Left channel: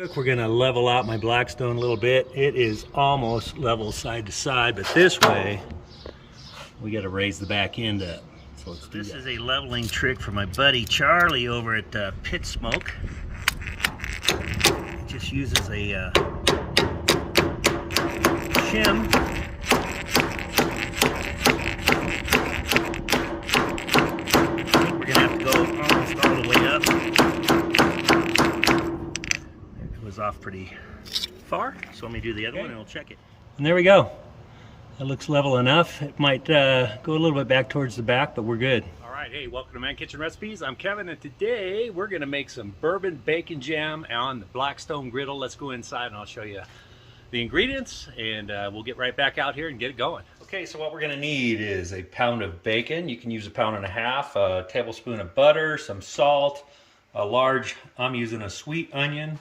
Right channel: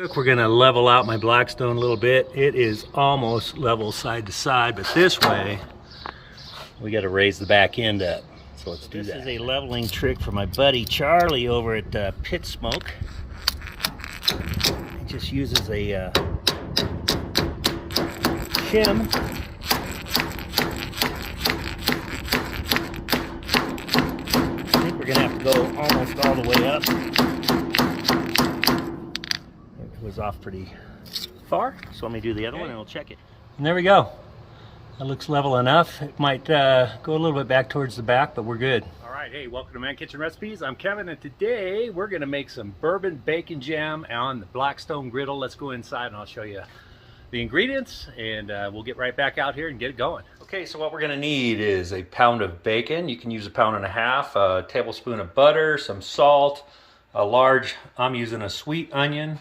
We're gonna level out my Blackstone a little bit. It is almost level side to side, but this way we got to raise the back end up. So let's do that. This is a leveling trick for my buddy Charlie over at Pit Smoke. He just uses a shim. I think we're gonna have to go almost all the way up. It was off pretty far, so let me do the other one and we'll check it. And there we go. That looks level enough. It might go a little bit back towards the back, but we're good. All right, hey, welcome to Man Kitchen Recipes. I'm Kevin, and today we're gonna make some bourbon bacon jam on the Blackstone Griddle. Let's go inside and I'll show you the ingredients, and we'll get right back out here and get it going. Okay, so what we're gonna need is a pound of bacon. You can use a pound and a half, a tablespoon of butter, some salt, a large, I'm using a sweet onion,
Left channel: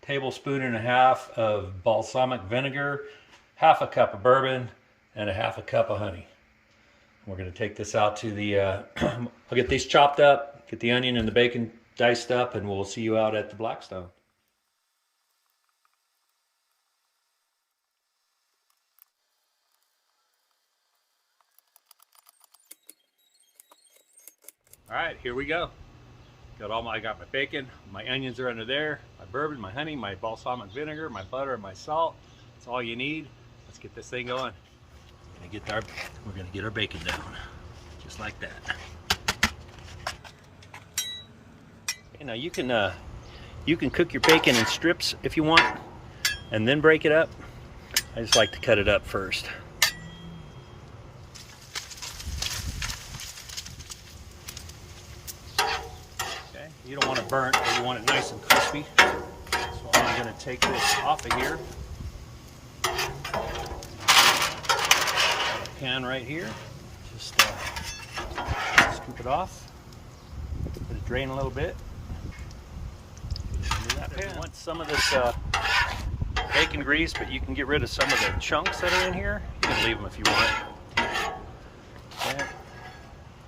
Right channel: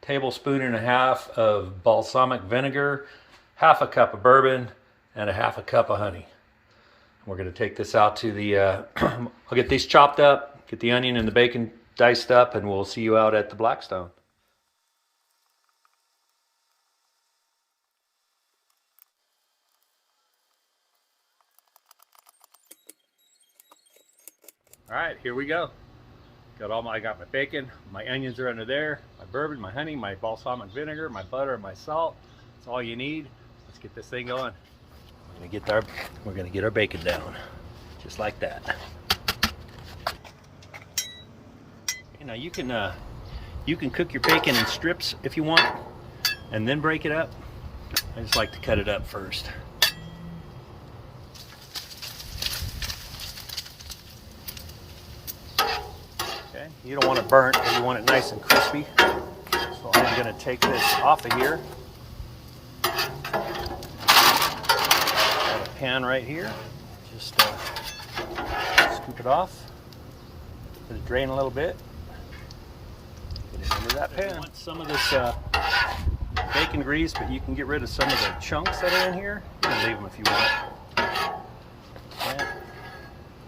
tablespoon and a half of balsamic vinegar, half a cup of bourbon, and a half a cup of honey. We're gonna take this out to the, I'll get these chopped up, get the onion and the bacon diced up, and we'll see you out at the Blackstone. All right, here we go. I got my bacon, my onions are under there, my bourbon, my honey, my balsamic vinegar, my butter, and my salt. That's all you need. Let's get this thing going. We're gonna get our bacon down, just like that. You know, you can cook your bacon in strips if you want, and then break it up. I just like to cut it up first. Okay, you don't want it burnt, but you want it nice and crispy. So I'm gonna take this off of here. Pan right here, just scoop it off, let it drain a little bit, get it into that pan. I want some of this bacon grease, but you can get rid of some of the chunks that are in here. You can leave them if you want. Okay.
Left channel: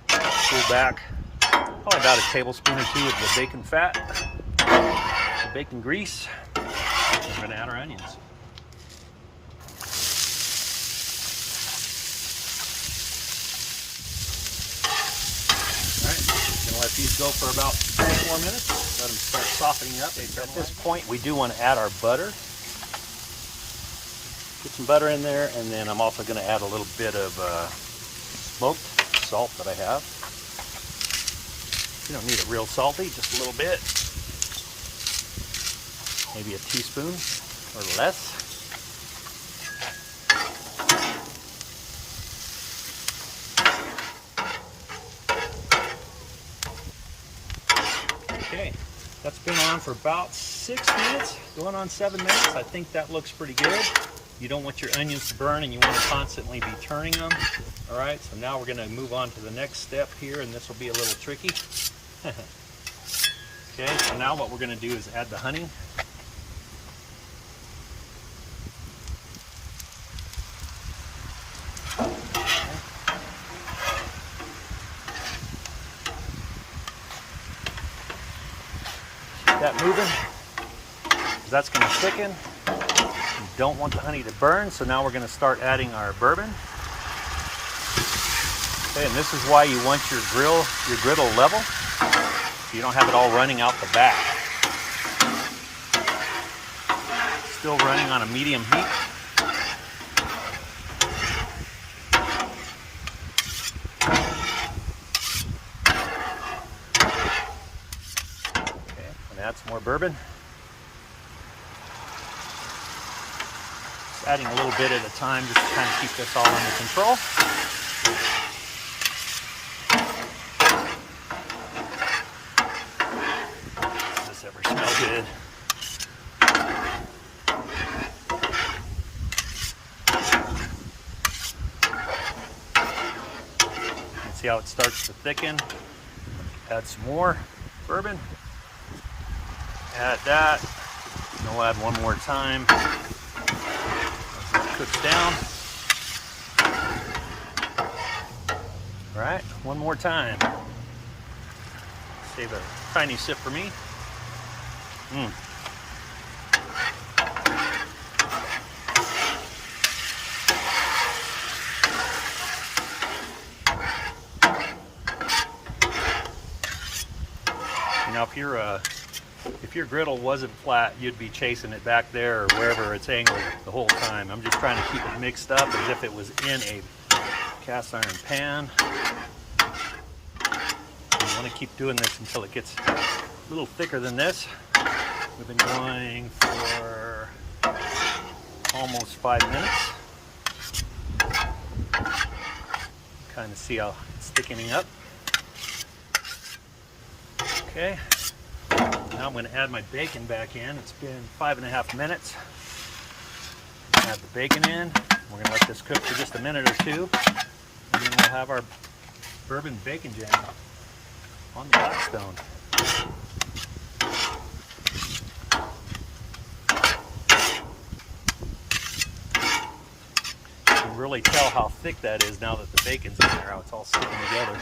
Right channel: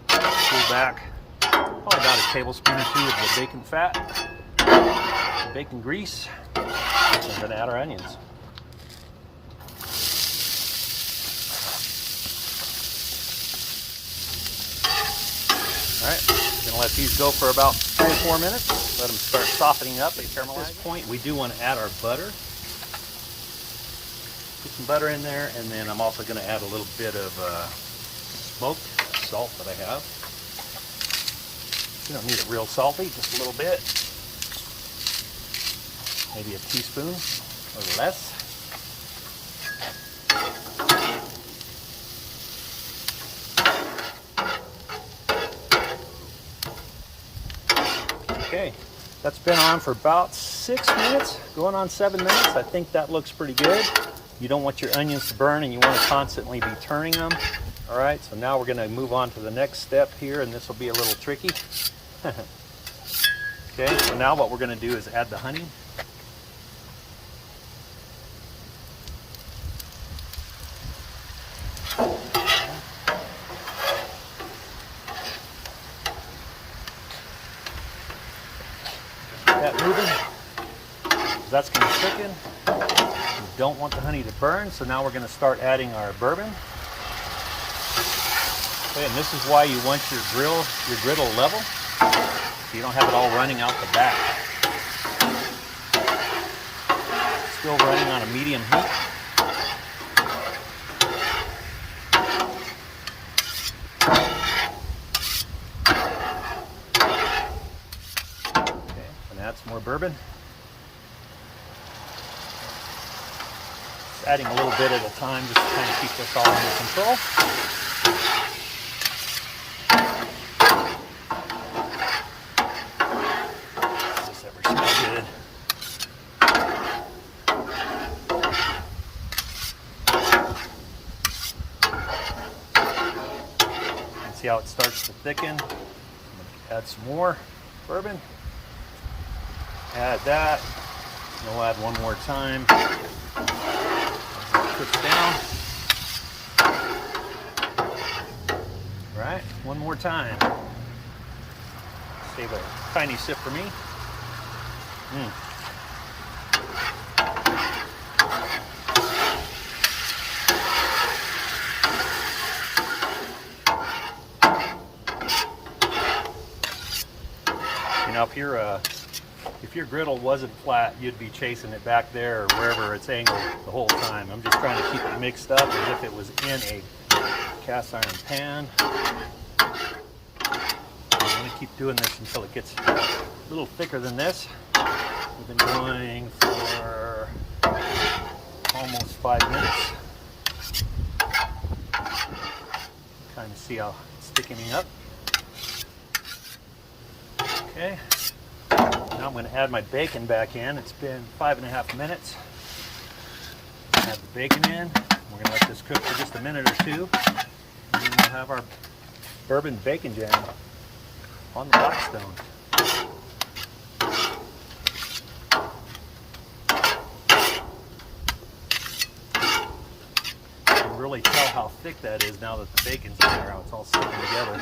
Pull back probably about a tablespoon or two of the bacon fat, the bacon grease. I'm going to add our onions. All right, gonna let these go for about 3 or 4 minutes. Let them start softening up. At this point, we do want to add our butter. Get some butter in there, and then I'm also going to add a little bit of smoked salt that I have. You don't need it real salty, just a little bit. Maybe a teaspoon or less. Okay, that's been on for about 6 minutes, going on 7 minutes. I think that looks pretty good. You don't want your onions to burn, and you want to constantly be turning them. All right, so now we're going to move on to the next step here, and this will be a little tricky. Okay, so now what we're going to do is add the honey. That moving, because that's going to thicken. You don't want the honey to burn, so now we're going to start adding our bourbon. Okay, and this is why you want your griddle level, so you don't have it all running out the back. Still running on a medium heat. Add some more bourbon. Just adding a little bit at a time just to kind of keep this all under control. Does this ever smell good? You can see how it starts to thicken. Add some more bourbon. Add that, and we'll add one more time. Cooks down. All right, one more time. Save a tiny sip for me. Now if your griddle wasn't flat, you'd be chasing it back there or wherever it's angled the whole time. I'm just trying to keep it mixed up as if it was in a cast iron pan. I want to keep doing this until it gets a little thicker than this. We've been going for almost 5 minutes. Kind of see how it's thickening up. Okay. Now I'm going to add my bacon back in. It's been 5.5 minutes. Add the bacon in. We're going to let this cook for just a minute or two. And then we'll have our bourbon bacon jam on the Blackstone. You can really tell how thick that is now that the bacon's in there, how it's all sticking together.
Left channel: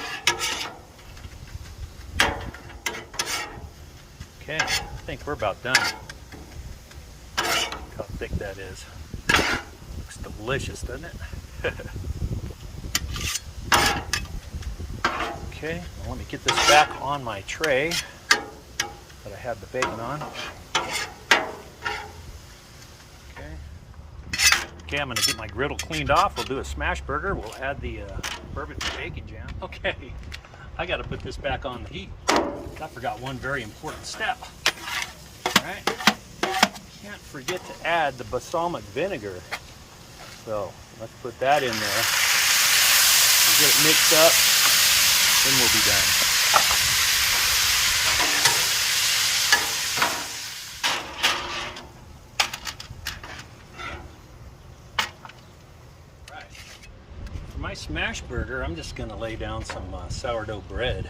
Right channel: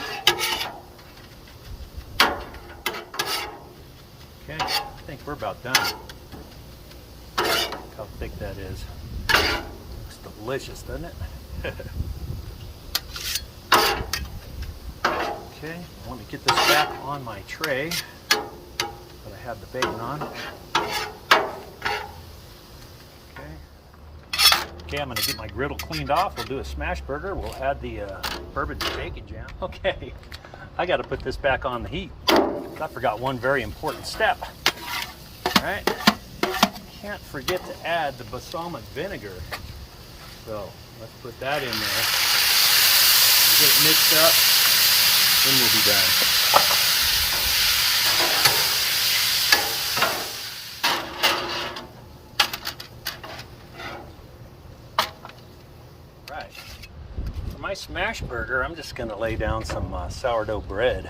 Okay, I think we're about done. Look how thick that is. Looks delicious, doesn't it? Okay, now let me get this back on my tray that I had the bacon on. Okay, I'm going to get my griddle cleaned off. We'll do a smash burger. We'll add the bourbon bacon jam. Okay, I got to put this back on the heat. I forgot one very important step. All right, can't forget to add the balsamic vinegar. So let's put that in there. We'll get it mixed up, then we'll be done. All right, for my smash burger, I'm just going to lay down some sourdough bread.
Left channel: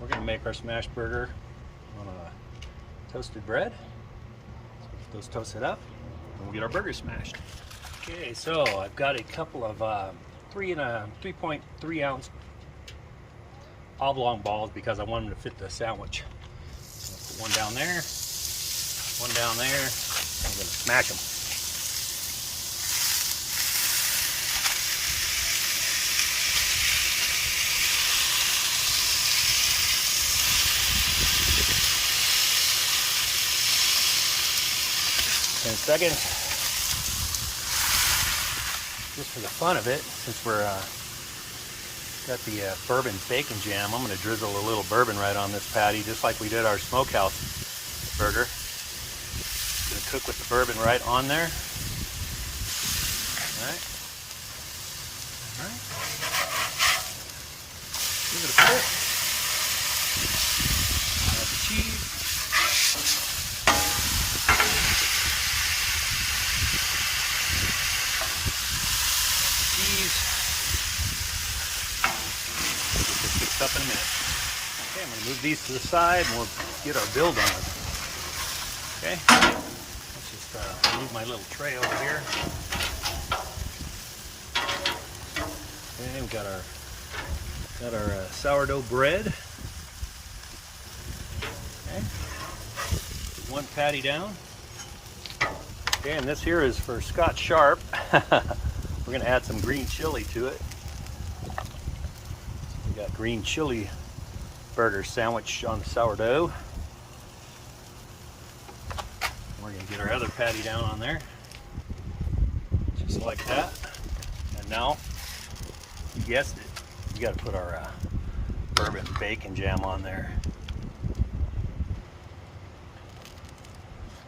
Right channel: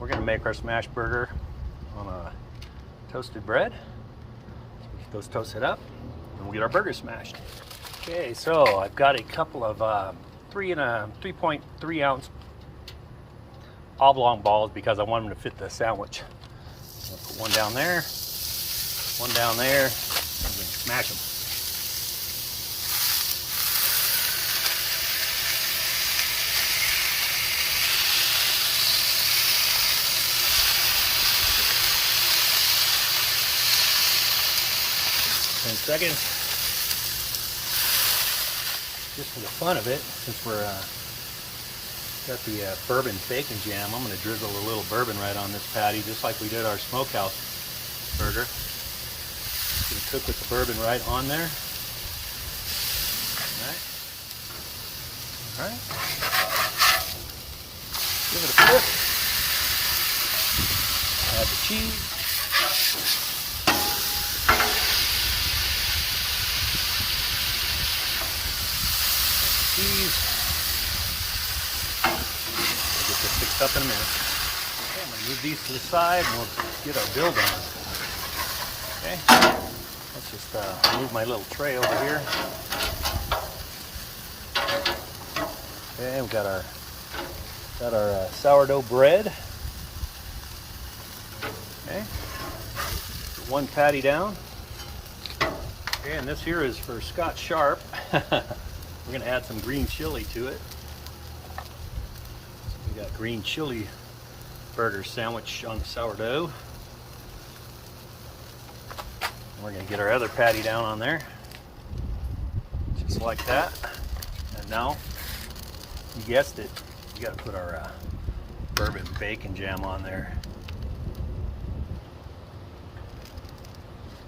We're going to make our smash burger on a toasted bread. Get those toasted up, and we'll get our burger smashed. Okay, so I've got a couple of 3.3 ounce oblong balls because I want them to fit the sandwich. I'll put one down there, one down there. I'm going to smash them. Seconds, just for the fun of it, since we're got the bourbon bacon jam, I'm going to drizzle a little bourbon right on this patty, just like we did our smokehouse burger. Going to cook with the bourbon right on there. All right. All right. Give it a flip. Add the cheese. We'll get this fixed up in a minute. Okay, I'm going to move these to the side and we'll get our build on. Okay, let's just move my little tray over here. Okay, we've got our sourdough bread. Okay, put one patty down. Okay, and this here is for Scotch Sharp. We're going to add some green chili to it. So we got green chili burger sandwich on the sourdough. And we're going to get our other patty down on there. Just like that. And now, you guessed it, you got to put our bourbon bacon jam on there.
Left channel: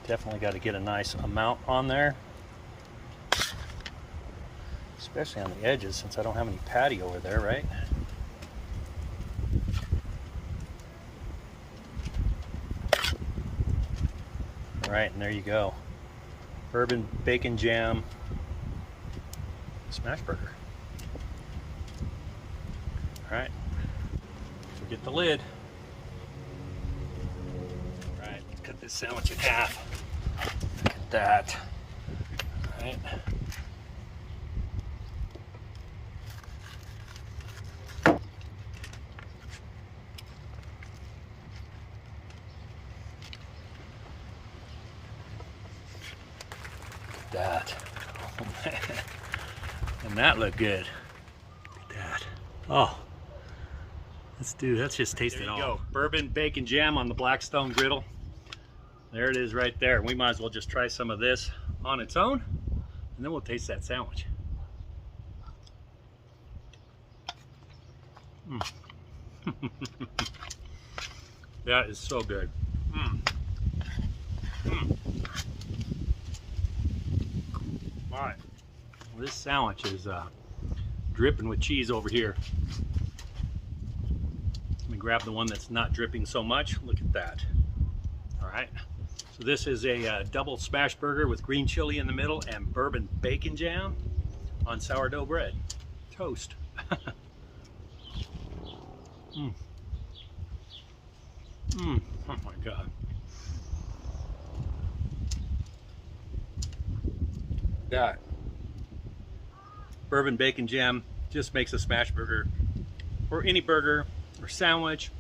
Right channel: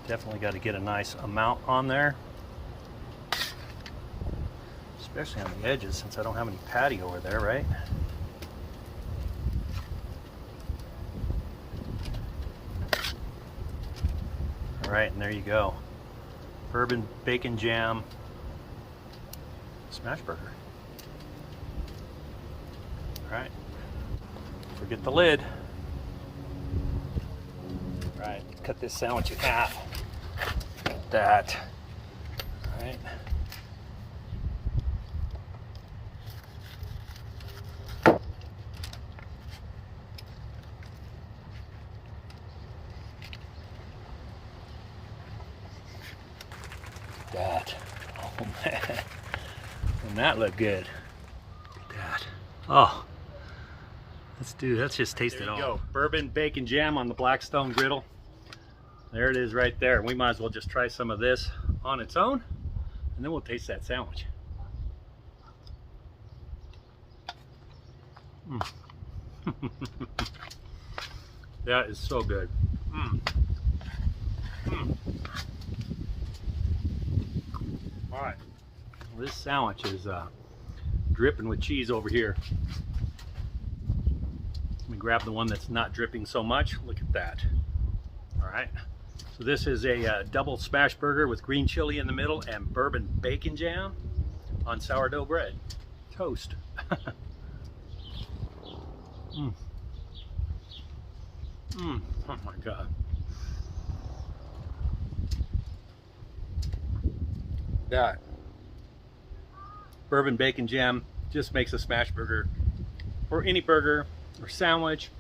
Definitely got to get a nice amount on there. Especially on the edges, since I don't have any patty over there, right? All right, and there you go. Bourbon bacon jam smash burger. All right, forget the lid. All right, let's cut this sandwich in half. Look at that. All right. That. Oh man. And that looked good. Look at that. Oh. Let's just taste it all. There you go. Bourbon bacon jam on the Blackstone Griddle. There it is right there. We might as well just try some of this on its own, and then we'll taste that sandwich. That is so good. All right, well, this sandwich is dripping with cheese over here. Let me grab the one that's not dripping so much. Look at that. All right, so this is a double smash burger with green chili in the middle and bourbon bacon jam on sourdough bread. Toast. Oh my God. That bourbon bacon jam just makes a smash burger, or any burger or sandwich,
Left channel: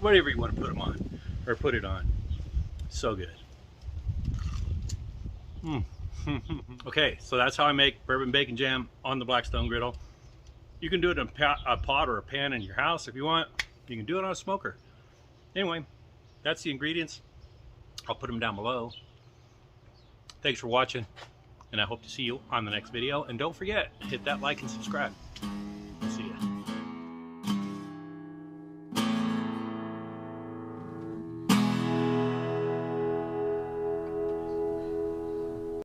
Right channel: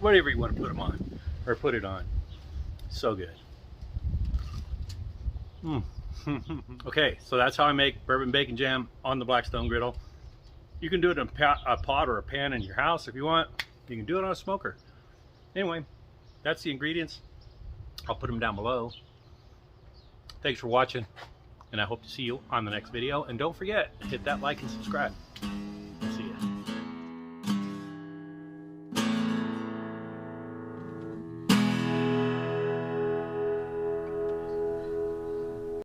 whatever you want to put them on or put it on. So good. Okay, so that's how I make bourbon bacon jam on the Blackstone Griddle. You can do it in a pot or a pan in your house if you want. You can do it on a smoker. Anyway, that's the ingredients. I'll put them down below. Thanks for watching, and I hope to see you on the next video. And don't forget, hit that like and subscribe.